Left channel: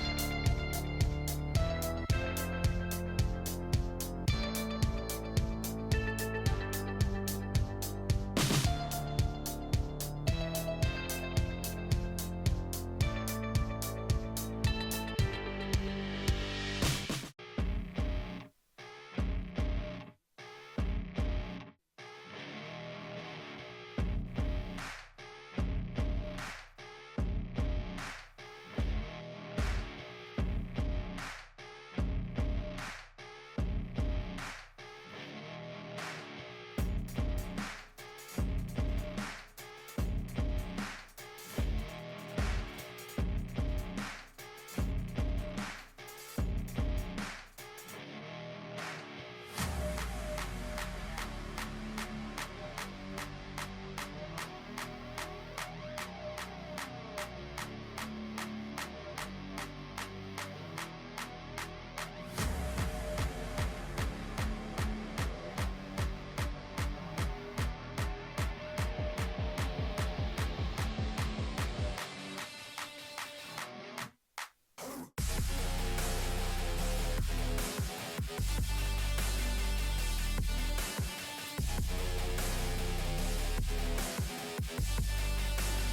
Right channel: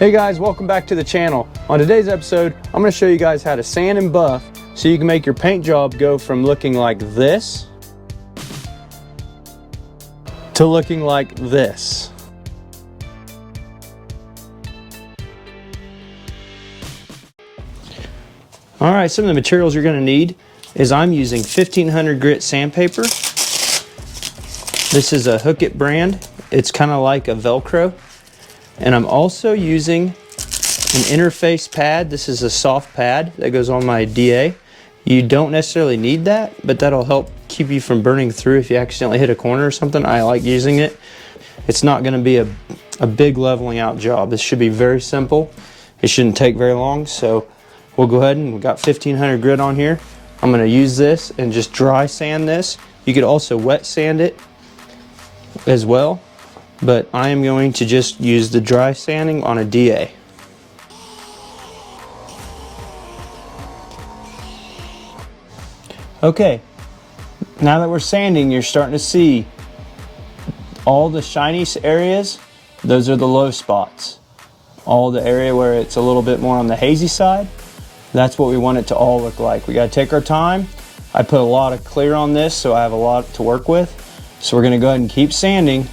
Hey guys, welcome back to the channel. On today's episode, I'm going to show you guys how to sand and buff so you can make your paint job go from looking like this to looking like this. All right, some of the materials you're going to need is I'm using 1500 grit sandpaper. This is a Hook It brand. It's kind of like a Velcro. And I'm also using an interface pad. This is a soft pad that goes on my DA. You don't necessarily need that, but that'll help keep you from burning through if you accidentally hit a corner or something. I like using it. It's not going to be a big leveling out job. This should be very simple. It shouldn't take very long, so we'll go ahead and we've got 1500 grit on here. I'm going to use this and just dry sand this. You could also wet sand it as well, but I am going to just use the dry sanding on a DA. Okay, now that we're sanding, you're starting to see all the shiny areas. Those are the low spots. All the area where it's a little bit more on the hazy side, that's what we want it to all look like. We got to take our time. I put a lot of clear on this, so I have a lot to work with. So we're going to go ahead and keep sanding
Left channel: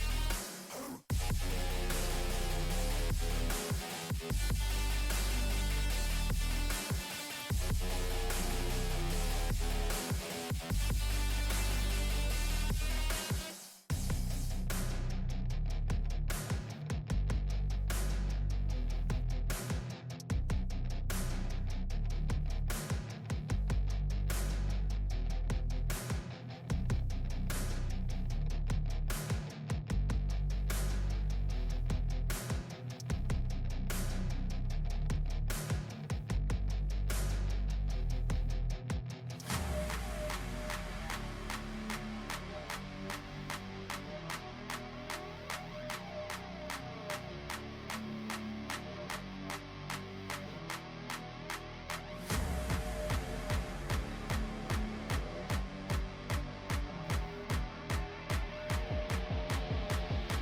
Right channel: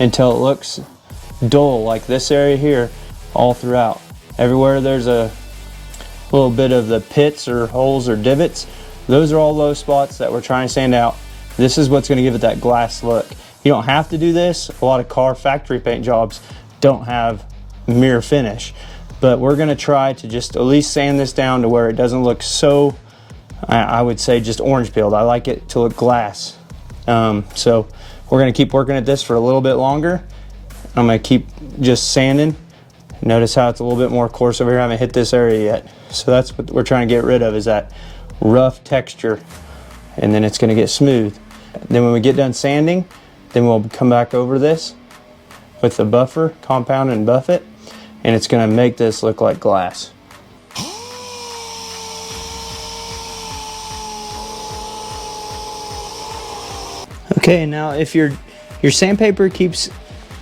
until it looks dull, like this area here, all throughout. Everywhere there's a little bit of the pits or holes or divots, those are all low spots that we're trying to sand out. This is what's going to give it that glass look. You don't have to do this. A lot of car factory paint jobs don't have mirror finish, but we're going to try to just at least sand this down to where it doesn't look so, I would say, just orange peeled. I like it to look glass. So we're going to keep working at this for a little bit longer. I'm going to keep just sanding. Notice how it's a little bit more coarse over here. I haven't hit this area yet. So that's what we're trying to get rid of, is that rough texture, and then it's going to get smooth. Then when we get done sanding, then we'll come back over this with the buffer, compound and buff it, and it's going to make this look like glass. Okay, now if your sandpaper keeps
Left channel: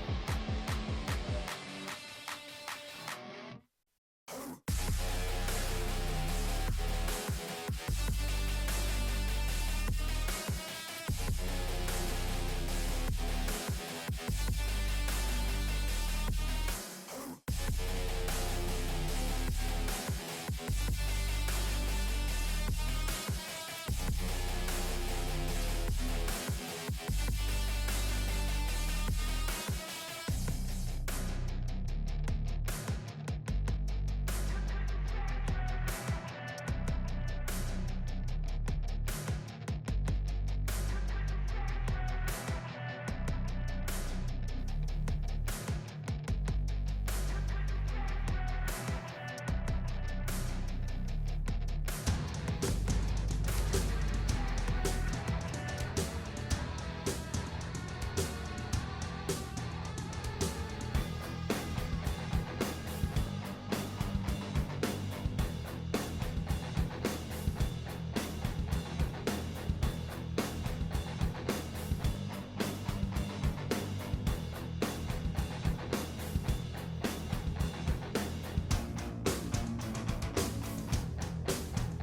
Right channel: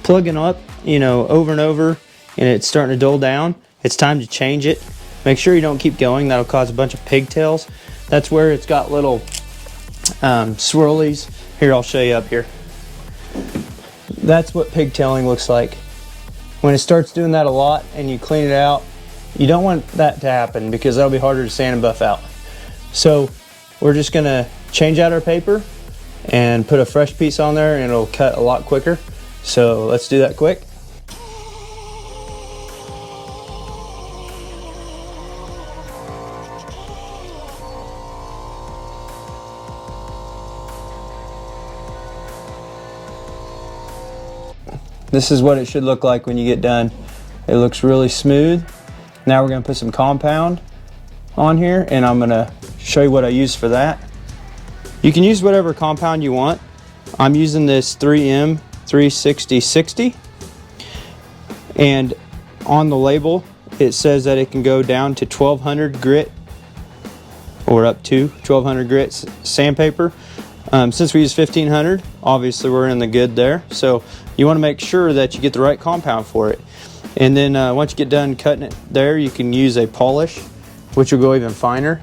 plugging up, over and over, and it's starting to dull down, it's time to change it. Make sure you don't keep going. That'll cause a bunch of pigtails. That's where it's got little swirlies. Here, I'll show you up here. That's what pigtailing looks like. When it starts doing that a lot and you clean it out, you don't want that to happen because that'll be harder to sand and buff out. So we're just gonna change out our paper and put a fresh piece on there, and it'll cut a lot quicker. So let's do that quick. This is what it should look like when you get done. It looks really smooth. Now we're gonna put some compound on here, and I'm gonna show you what I use for that. You can use whatever compound you want. I'm using this 3M 360/60, and on the label it says that it can go down to 1200 grit or up to 1200 grit sandpaper. Since we use 1500, obviously we're in the good there, so you want to make sure that you get the right compound for it. And then once you get done cutting it there, you can use a polish, which will go even finer.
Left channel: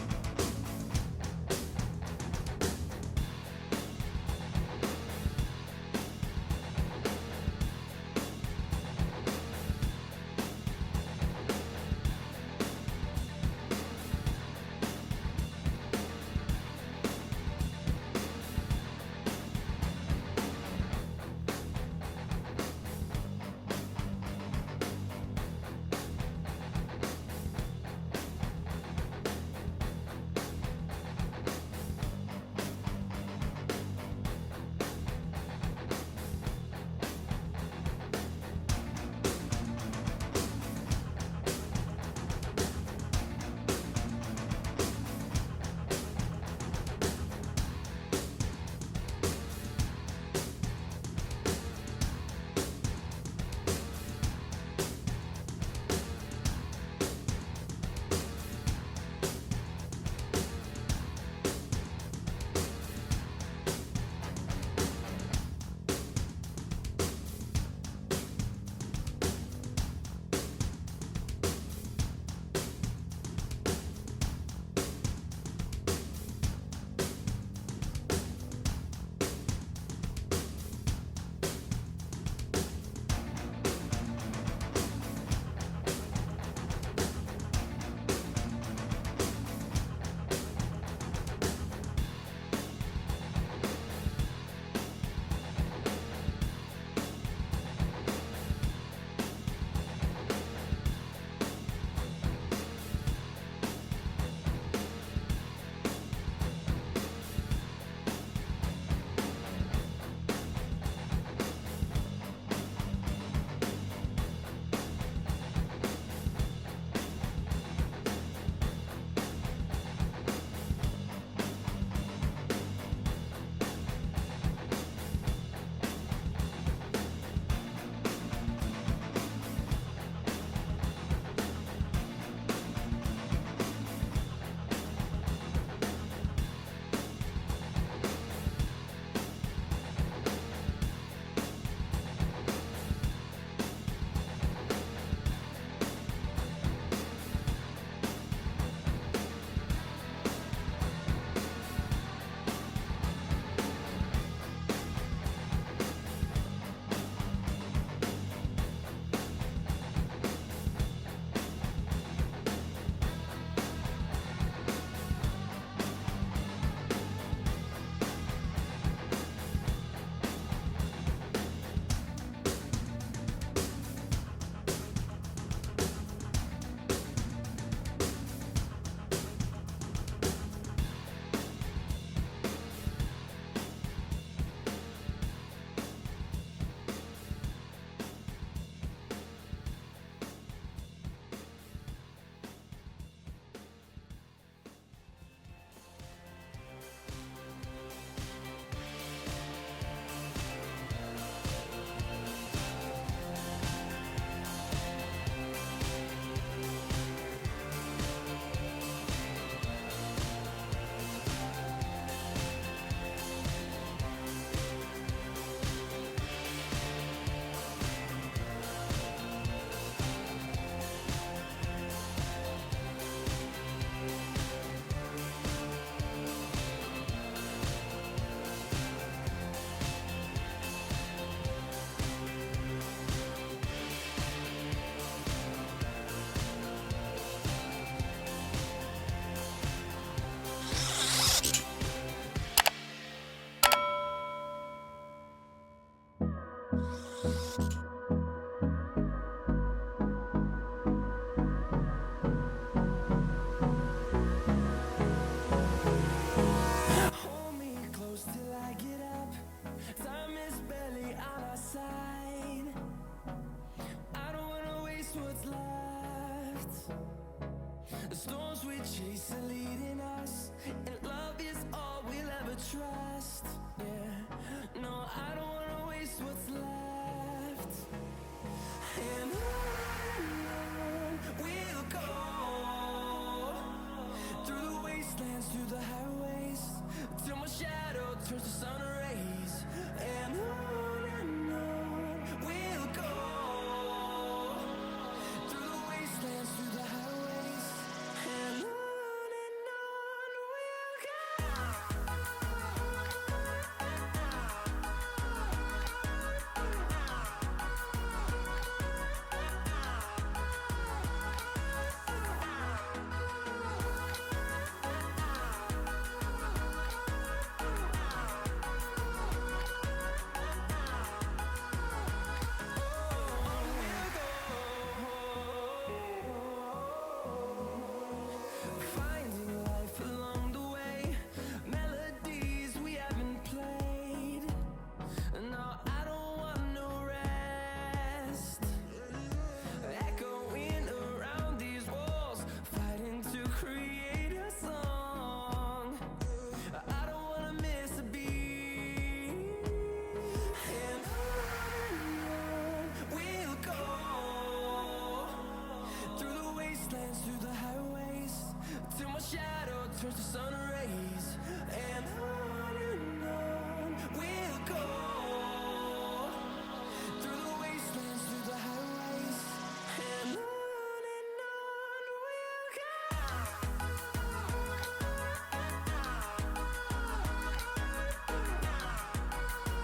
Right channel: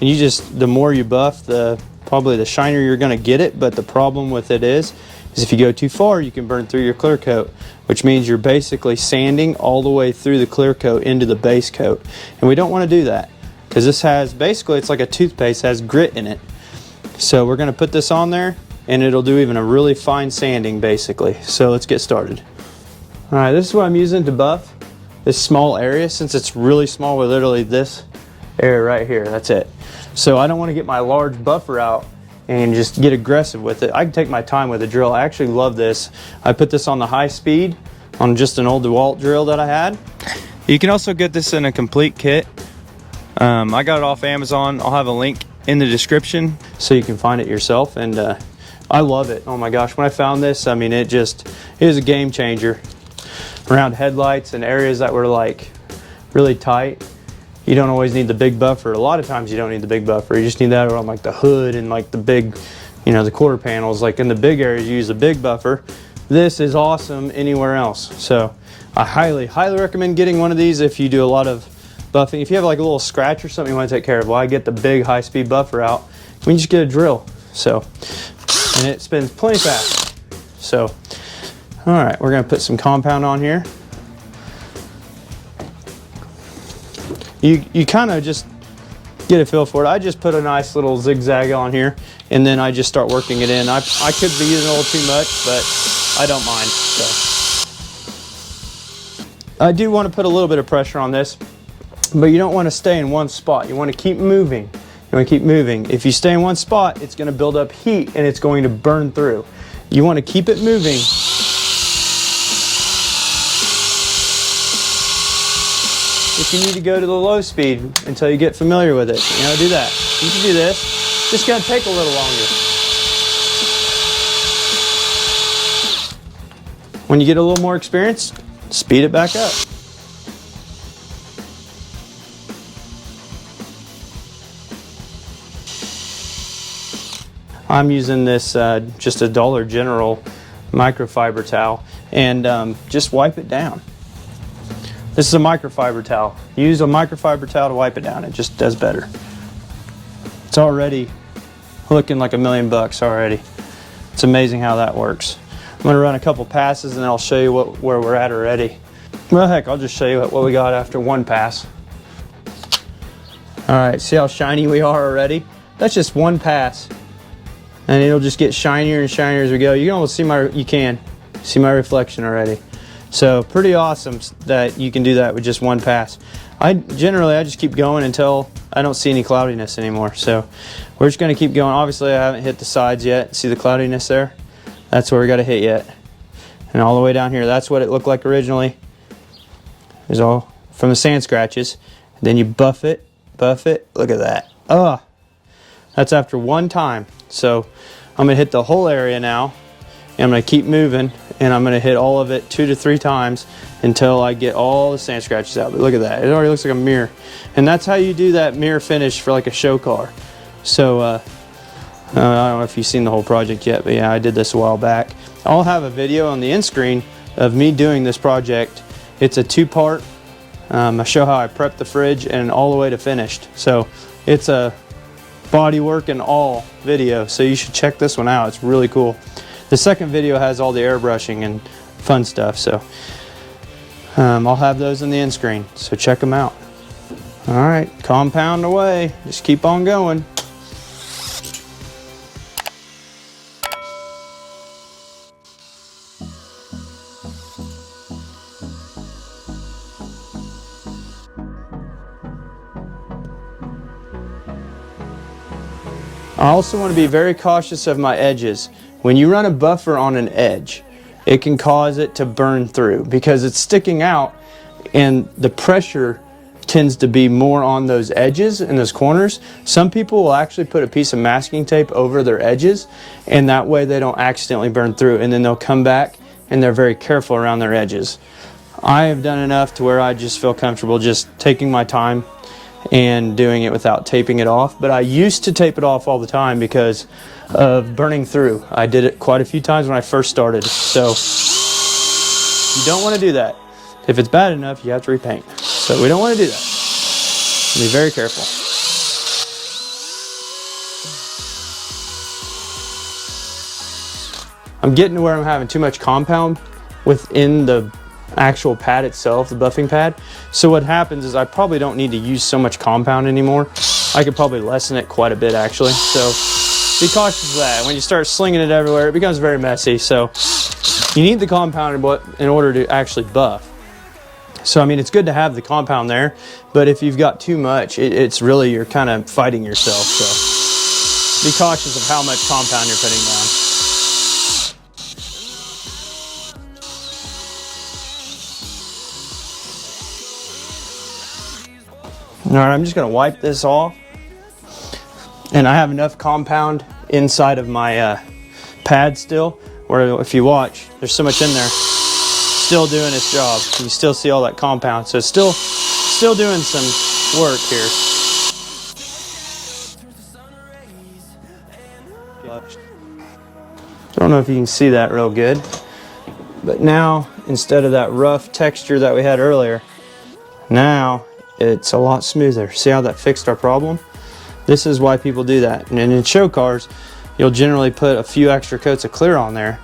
The more you buff, probably the shinier you're going to get it. But the problem with it is if you go too far, you can burn through your clear coat, which means you're basically sanding all the way through the clear coat into the base coat. And we don't want to do that, because this has, basically it's like a toothpaste, has grit in it. So we're going to put this on there, and it'll do even a really fine sanding basically. So let's get started. All right, this is what I'm using to buff this small area. Since it's really small, we're literally this area right here, that's it. So I don't want to get my large buffer out and just get aggressive with it. I can take my time with a drill. I actually love this. I put this on the high speed on just an old DeWalt drill that I had. You can also get this in a complete kit. I got it off Amazon. I'll have a link in the description so you can find it yourself. And I love it. Oh my gosh, when I found this, I mean, it is a game changer. Around headlights and areas that were like really tight, you don't always need the big buffer. A lot of times you don't need the big buffer. You just need that around like the hood and like the big, the quarter panels. Like in the big areas, you use the big buffer. this is awesome anywhere else. So I highly recommend getting one of these if you do a lot of buffing. If you have like a little scratch or something you want to take care of, well, I get the big high-speed buffer out. We can just get a drill. So, and it spins plenty fast. So, all right, we're gonna put some compound on here. You kind of just get a feel for it. I just put a nice little zigzag on here, and then I just start working it in. I could be using a little too much, but I don't mind. So I do want to put a little bit of pressure on this, but you don't want to stay in one spot. You want to keep moving. You want to keep moving. If you stay in one spot, it's going to build up heat and it's going to burn through. You want to keep it moving. If you need to go to the low speed until you get familiar with it, do that. You can do this. Just going to take a little longer. When you get a little more experience, speed it back up. I'm using this just a Dollar General microfiber towel, and just wipe it down. This is a microfiber towel. Use a microfiber towel to wipe it down. It just does better. It's already looking like $1 million already. It's amazing how that works. I'm gonna run a couple passes and then I'll show you where we're at already. Well, heck, I'll just show you what we got after one pass. All right, see how shiny we are already? That's just one pass. And it'll just get shinier and shinier as we go. You can almost see my reflection already. So pretty awesome that you can do that with just one pass. I just keep going until I don't see any cloudiness anymore. So we're just gonna keep going. Obviously I haven't hit the sides yet. See the cloudiness there? That's where we gotta hit yet. And all the way down here, that's what it looked like originally. It's all from the sand scratches. Then you buff it, look at that. Oh, that's after one time. So I'm gonna hit the whole area now, and I'm gonna keep moving, and I'm gonna hit all of it 2 to 3 times until I get all the sand scratches out. But look at that, it already looks like a mirror. And that's how you do that mirror finish for like a show car. So I don't know if you've seen the whole project yet, but yeah, I did this a while back. I'll have a video on the end screen of me doing this project. It's a 2-part. I show how I prep the fridge and all the way to finished. So it's a body work and all video, so you should check this one out. It's really cool. The second video has all the airbrushing and fun stuff, so I'll have those in the end screen, so check them out. All right, compound away. Just keep on going. I also want to be very cautious of my edges. When you run a buffer on an edge, it can cause it to burn through because it's sticking out, and the pressure tends to be more on those edges and those corners. Some people will actually put a piece of masking tape over their edges, and that way they don't accidentally burn through, and then they'll come back and they're very careful around their edges. I have done enough to where I just feel comfortable just taking my time and doing it without taping it off. But I used to tape it off all the time because of burning through. I did it quite a few times when I first started. So you don't want to do that. If it's bad enough, you have to repaint. So we don't want to do that. Be very careful. I'm getting to where I'm having too much compound within the actual pad itself, the buffing pad. So what happens is I probably don't need to use so much compound anymore. I could probably lessen it quite a bit actually. So be cautious of that. When you start slinging it everywhere, it becomes very messy. So you need the compound in order to actually buff. So I mean, it's good to have the compound there, but if you've got too much, it's really, you're kind of fighting yourself. So be cautious of how much compound you're putting down. All right, I'm just gonna wipe this off. And I have enough compound inside of my pad still, where if you watch, there's so much in there, still doing its job. You still see all that compound, so it's still doing some work here. Don't know if you can see that real good, But now, instead of that rough texture that we had earlier, now it's a lot smoother. See how that fixed our problem? This is why people do that. And in show cars, you'll generally put a few extra coats of clear on there,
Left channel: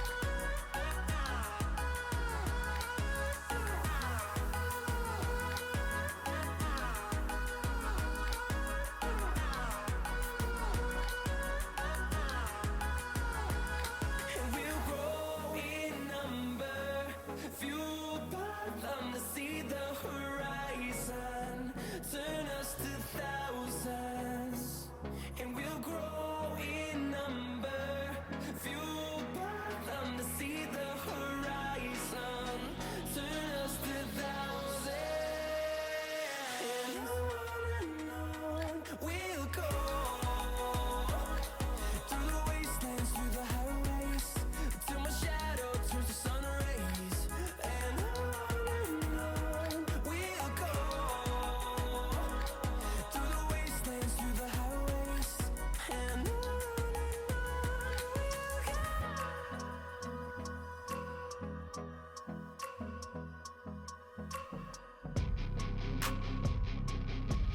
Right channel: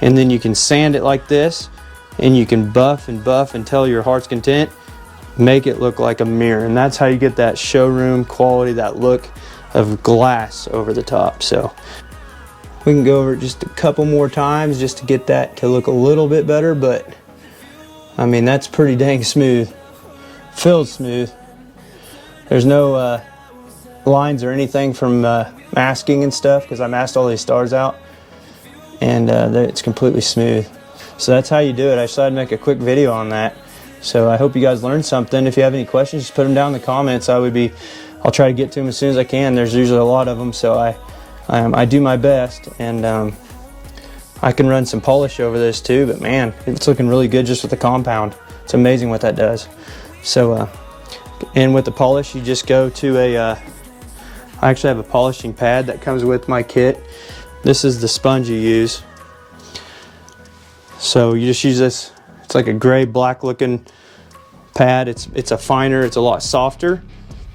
and then you can sand it like this, and you can buff and buff until your heart's content, make it look like a mirror. And that's how you get that showroom quality, that look of glass over the top. So we can go over it just a couple more times just to get that to look a little bit better, but I mean, that's pretty dang smooth. Feels smooth. There's no lines or anything from masking and stuff, because I masked all these stars out, and it's completely smooth. So that's how you do it. I decided to make a quick video on that. So I hope you guys learned something. If you have any questions, just put them down in the comments. I'll try to get to them as soon as I can. There's usually a lot of them, so I do my best, and I can run some polish over this too, but man, it's looking really good just with the compound. It's amazing what that does. So and with the polish, you just go to I actually have a polishing pad that comes with my kit. This is the sponge you use. So you just use this. It's like a gray black looking pad. It's a finer, it's a lot softer.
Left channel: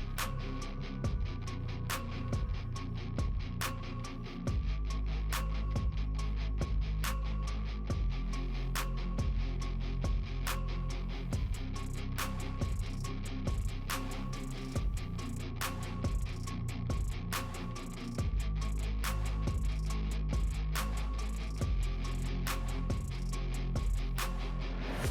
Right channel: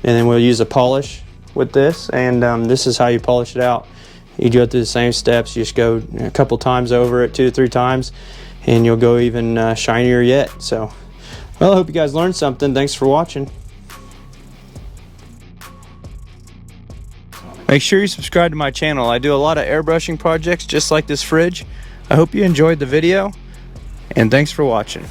And then we'll use a polish with this, and this is how you polish it out. You go through the same steps. You just go a couple times over it, 2 to 3 times, and you'll go even shinier yet. So, well, I hope you guys learned something. Thanks for watching. Make sure you subscribe to my channel. I do a lot of airbrushing projects just like this fridge. I hope you enjoyed the video, and thanks for watching.